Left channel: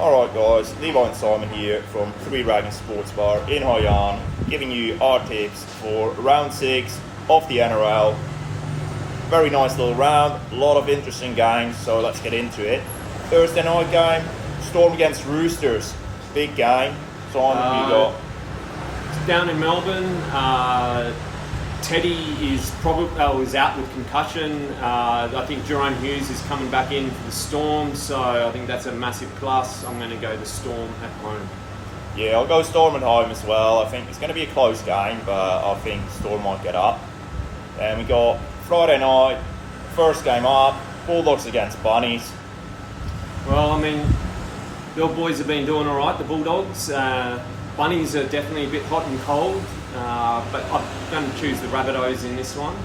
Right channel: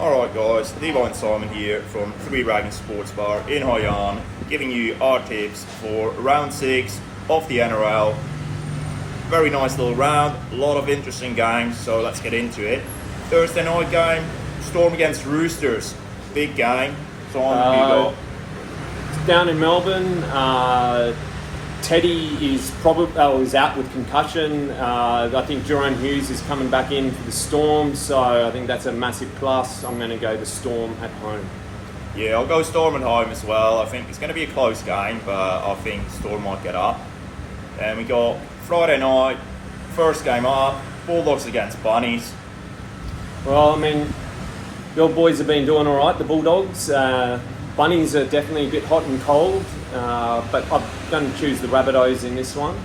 Alright guys, Levi and Simon here from Three Dragons Sports Bar in High On, giving you our tips for round 6 of the NRL. Very nice little round, a lot of interesting games, so let's get into it. Thursday night game, Storm against Roosters, big game. Simon, you got? Down in Melbourne, Teddy is is out with concussion. I think Jerome Hughes is coming back in for the Storm, so I think that's a massive plus. I'm going to go the Storm at home. Yeah, I'll go Storm at home as well. I think it's going to be a close game, but I think Storm might get up. And we got Friday night, first game up, Bulldogs against Bunnies. Well, I mean, the old boys have been doing all right, the Bulldogs. Bunnies are definitely a bit hot and cold, but I'm going to choose the Rabbitohs in this one.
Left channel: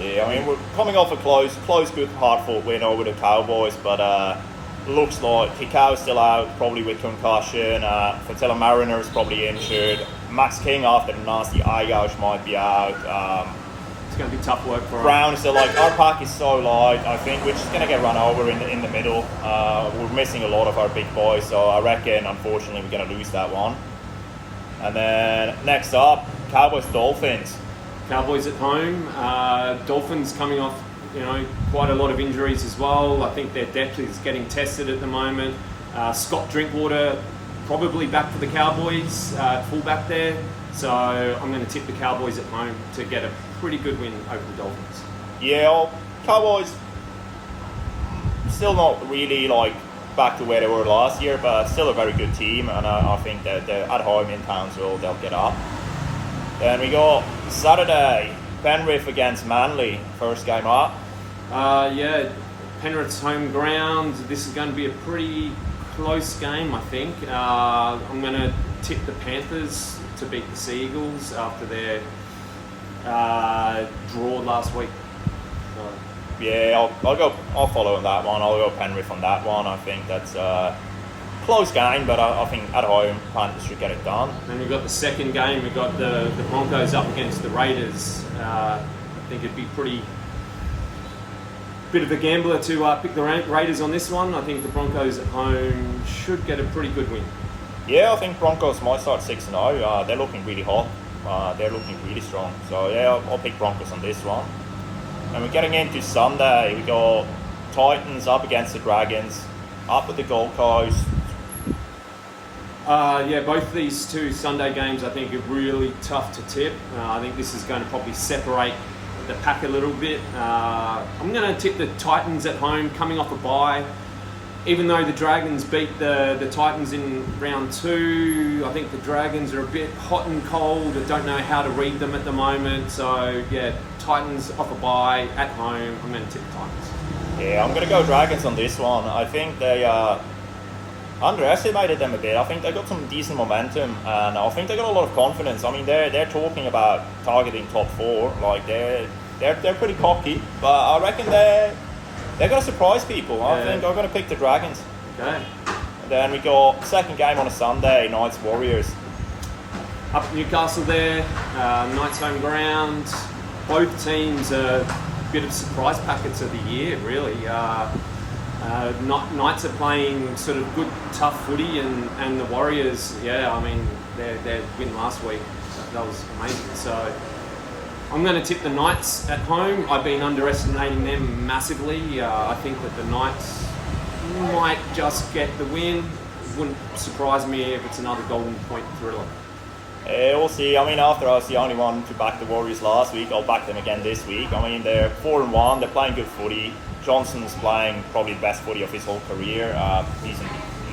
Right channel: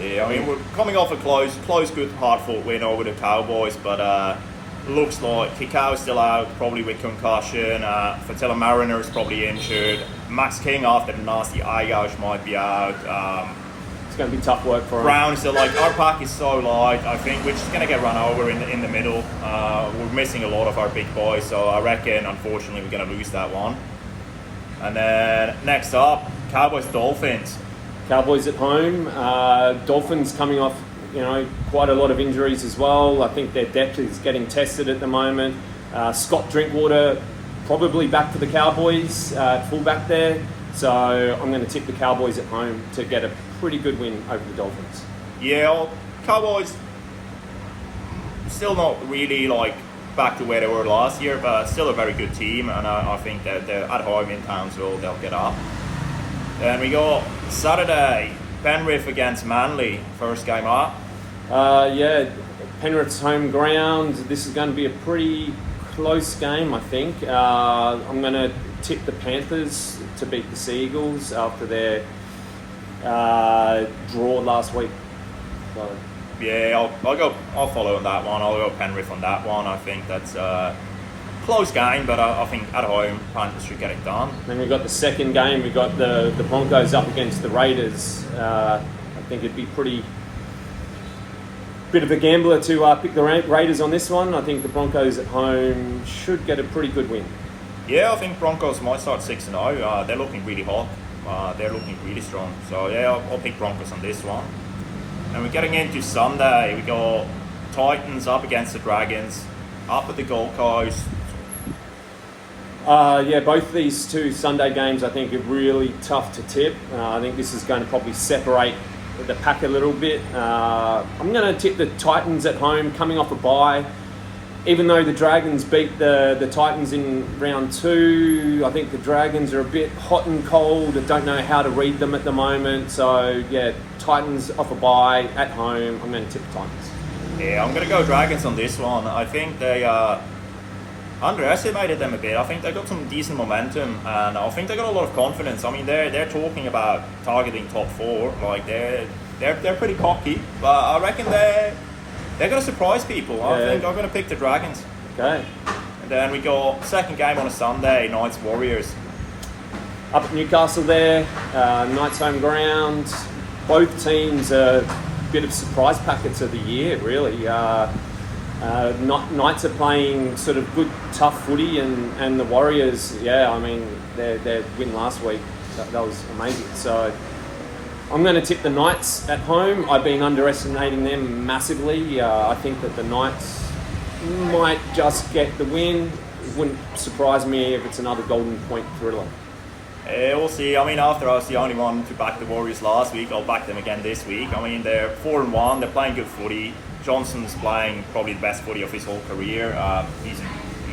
Yeah, I mean, we're coming off a close, good, hard-fought win over the Cowboys, but looks like Kikau's still out, probably with concussion. Fatilla Mariner's probably injured. Max King, after the nasty eye gouge, might be out. It's going to be tough work for Brown, so like our pack is so light. I think we're just going to get run over in the middle. We're missing a lot of our big boys, so I reckon, unfortunately, we're going to lose that one. And then next up, Cowboys Dolphins. Cowboys at home. Dolphins coming off, quite a lot of injuries as well. I think their depth is getting tested at the moment. Scott Drinkwater probably back for the Cowboys, fullback there. So I'm going to tip the Cowboys at home to get a pretty good win over the Dolphins. Yeah, Cowboys still not really back to where they were last year, but still a very good team, and I think that they're at home in Townsville, they'll get up. Then we got Saturday, Penrith against Manly, first game up. Penrith's home ground. This is going to be a pretty close game, I think. I'm going to tip the Panthers to beat the Sea Eagles after their draw last week. So. Yeah, I'll follow on that one. I'll go Penrith on that one. I think that's a close game, but I think at home Panthers should get it done. Then we've got the second game. We've got the Broncos up against the Raiders. I think it'd be bit of a gambler to pick the Raiders on this one. I think the Broncos at home should get a pretty good win. Yeah, I think Broncos might start 6-0. They're looking really hot. They're looking really strong. So yeah, I'll pick Broncos on this one. And we're getting into Sunday. We got Titans up against the Dragons, up at the Gold Coast. Both these two Sunday games I think are really tough to tip. I think this is going to probably separate the pack a little bit. I'm going to tip the Titans at home, coming off a bye. Even though the Dragons beat the Titans in round 2, I think the Dragons are a bit hot and cold. I don't know how to read them at the moment. So, yeah, Titans off a bye at home. I'm going to tip the Titans. Yeah, I'm going to go Dragons on this one. I think they underestimated them a bit. I think they got some decent momentum, and I think they got a lot of confidence. I mean, they're talking about targeting top 4. Like, they're pretty cocky, but I reckon they're going to surprise people. I think I'm going to pick the Dragons. Okay. And then we got second game on a Sunday, Knights Warriors. Up at Newcastle there, Knights home ground. Both teams are a bit of surprise packets of the year, really. Knights are playing sort of good, tough footy, and the Warriors, their win last week, that was amazing. So I'm going to tip the Knights at home. I've been underestimating them massively. I think that the Knights might just get the win. It wouldn't surprise me if it's another golden point thriller. Yeah, we'll see. I mean, after I was the only one to back the Warriors last week, I'll back them again this week. I mean, they're 4-1. They're playing good footy. Johnson's playing probably the best footy of his whole career. He's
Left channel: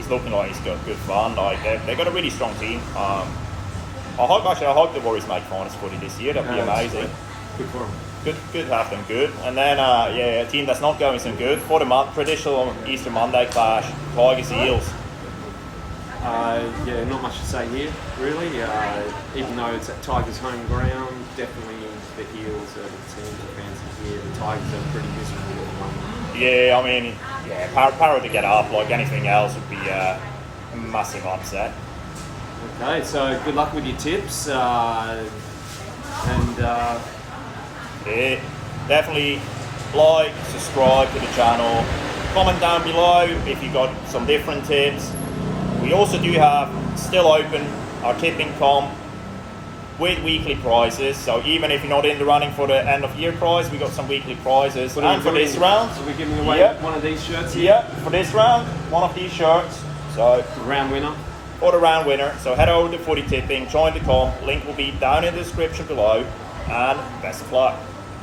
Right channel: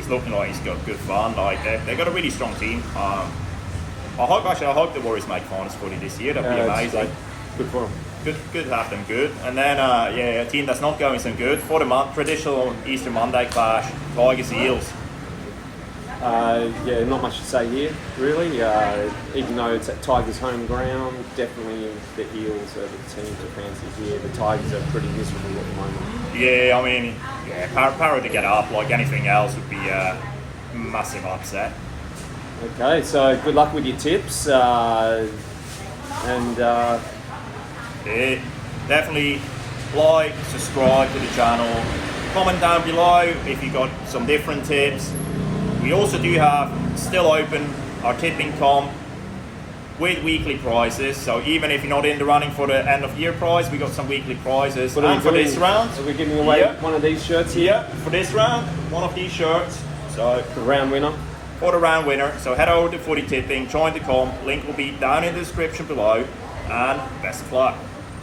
looking like he's got good fun. Like they've got a really strong team. I hope the Warriors make finals footy this year. That'd be amazing. Good for them. Good to have them good. And then a team that's not going so good for the traditional Easter Monday clash, Tigers Eels. Not much to say here, really. Even though it's at Tigers' home ground, definitely the Eels are the team to fancy here. The Tigers are pretty miserable at the moment. Yeah, I mean, Para to get up like anything else would be a massive upset. Okay, so good luck with your tips. Definitely like, subscribe to the channel, comment down below if you got some different tips. We also do have still open our tipping comp with weekly prizes. So even if you're not in the running for the end of year prize, we got some weekly prizes. What are we and for doing? this round, So we're giving away Yeah. one of these shirts here. yeah, for this round, one of these shirts. So The round winner. for the round winner. So head over to Footy Tipping, join the comp. Link will be down in the description below. And best of luck.